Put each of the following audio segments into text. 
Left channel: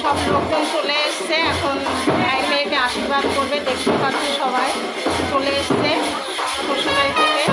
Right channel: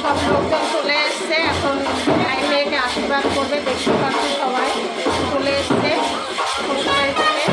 সব লোকজন চলে এসছে, এখন ভাই মেয়েকে আশীর্বাদ করবে। দেখতে পাচ্ছি সবাই চলে এসছে শ্বশুরবাড়ি থেকে।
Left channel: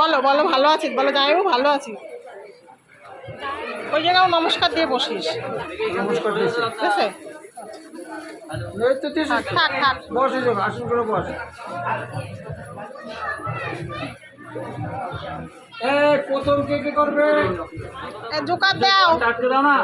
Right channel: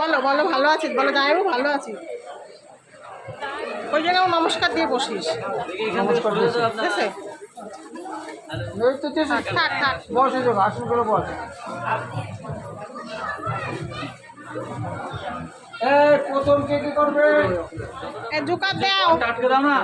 বলো বলো ভালো আছিস, বলো জামাইবাবু ভালো আছি। ওই জায়গায় নমস্কার দিয়ে বসিস। নমস্কার দিয়েছি। ঠিক আছে, থাক থাক থাক, বস আসুন করে বস। এই প্রথম কে কি করবে? এই জোকার দাও, টাটকে দাও না।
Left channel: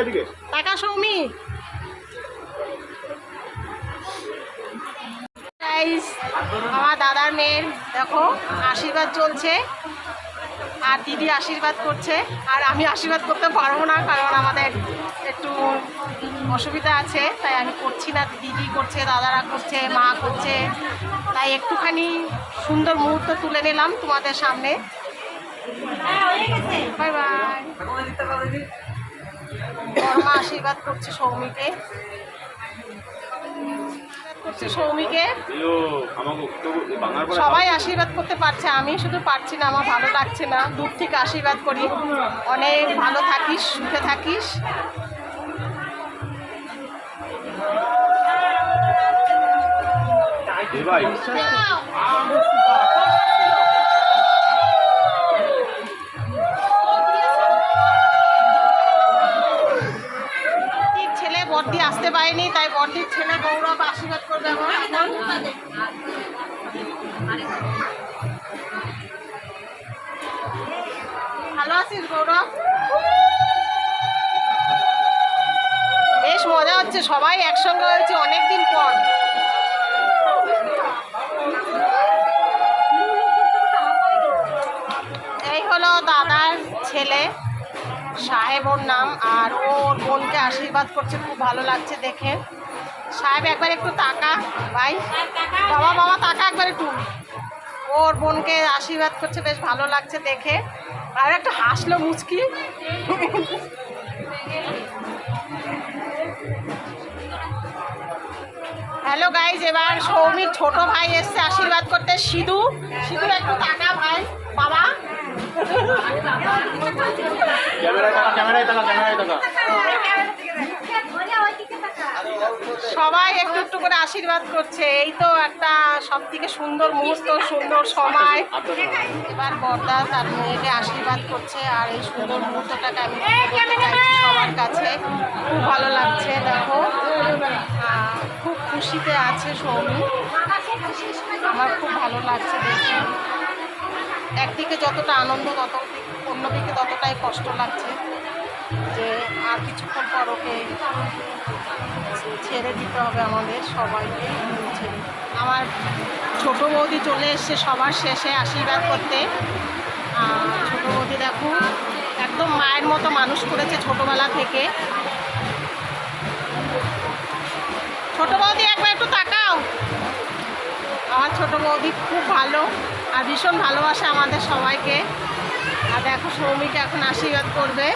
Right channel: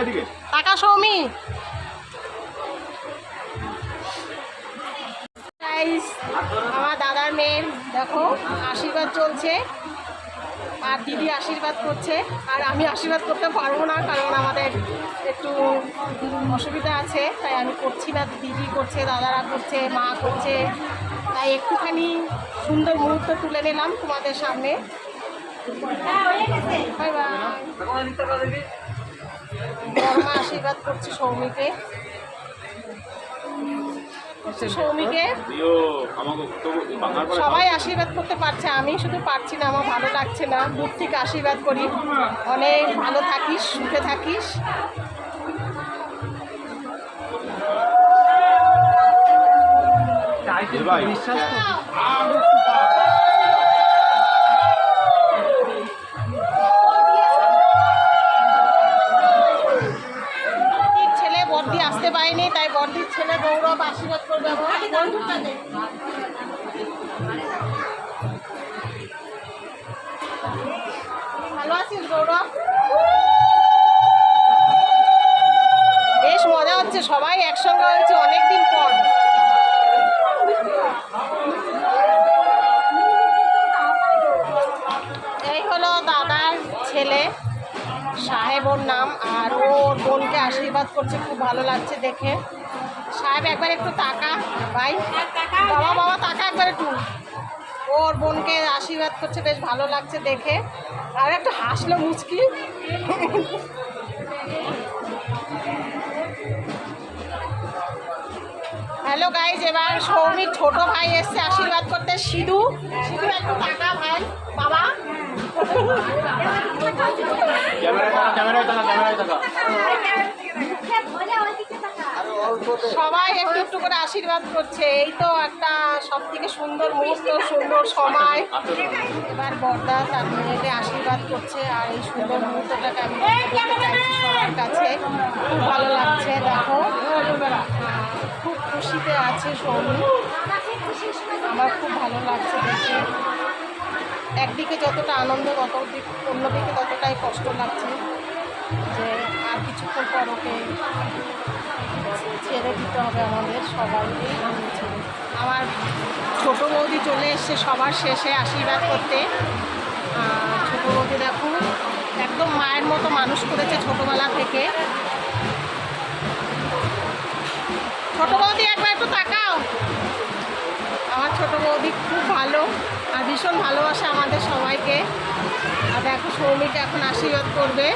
এদিকে টাকা সৌমি Guys, আমার দাদার মেয়ের দেখো আশীর্বাদ চলছে আর দিদি আশীর্বাদ করছে আর আমি আশীর্বাদ করতে পারবো না কারণ আমাদের একটু অসুবিধা আছে তাই আমি করছি না দিদি করছে দাদারা করছে মা করছে তাই একটুখানি সুন্দর মুহূর্ত তুলে নিলাম তোমাদের সামনে বাই বাই বড়মা আশীর্বাদ করছে সৌমিকে সৌমিকে সবাই আশীর্বাদ করতে পারছে আমি শুধু পারছি না আমার ভালো লাগছে না দূর থেকে আশীর্বাদ করি অনেক ভালো থাকিস সুখে থাকিস ভাই ছেলে বর্দি আসতে পারেনি তাই বর্দির ছেলে গৌরব আশীর্বাদ করবে আমার এখন ভালো আছিস গৌরব বেশ মজা হচ্ছে সবাই একসঙ্গে হয়েছে অনেকদিন পর এই হলো দাদার ছেলে সাহেব ওর নাম আর ওর বোনকে আশীর্বাদ করছে খুব ভালো লাগছে দেখে সাহেব একবার একটু তাকা ভাই বাবা বাবা তাকা একবার একটু ওর বোনকে আশীর্বাদ করছে বেশ ভালো লাগছে দেখে আর একটা হাসলো মুচকি হ্যালো গাইজ এবার সৌমির ছোট ভাই এসছে আশীর্বাদ করতে সিধু সিধু একটু টাকা ভাই বাবা ক্যামেরায় টাকা সবাই একটু একটু করে আশীর্বাদ করছে এই তো একটা সব থেকে সুন্দর মুহূর্ত সুন্দর সময় এবার বড়দা তার মেয়েকে আশীর্বাদ করছে আর এই সুন্দর মুহূর্তটাকে আমি বলতে চাইছি সবার কাছে খুব ভালো লাগছে দেখো খুব খুশিতে আছে সৌমি আমার খুব ভালো লাগছে দেখে একদিকে যতটা আনন্দ অন্যদিকে ততটাই কষ্ট লাগছে যে আর কিছুক্ষণ পর ওকে ছেড়ে দিতে হবে আমাদের সবাইকে আমার ছোটো বৌদি চলে এসছে সবার শেষে আশীর্বাদ করতে ছোটো বৌদি দেখো একদম মায়ের মতো মানুষ করেছে ছোটোবেলা থেকে ছোটো বৌদি একবার একটু তাকাও আমার ছোটো বৌদি খুব ভালো আর ভীষণ ভালোবাসে আমাদের সবাইকে আর দেখো সৌমিকে এখন আশীর্বাদ করবে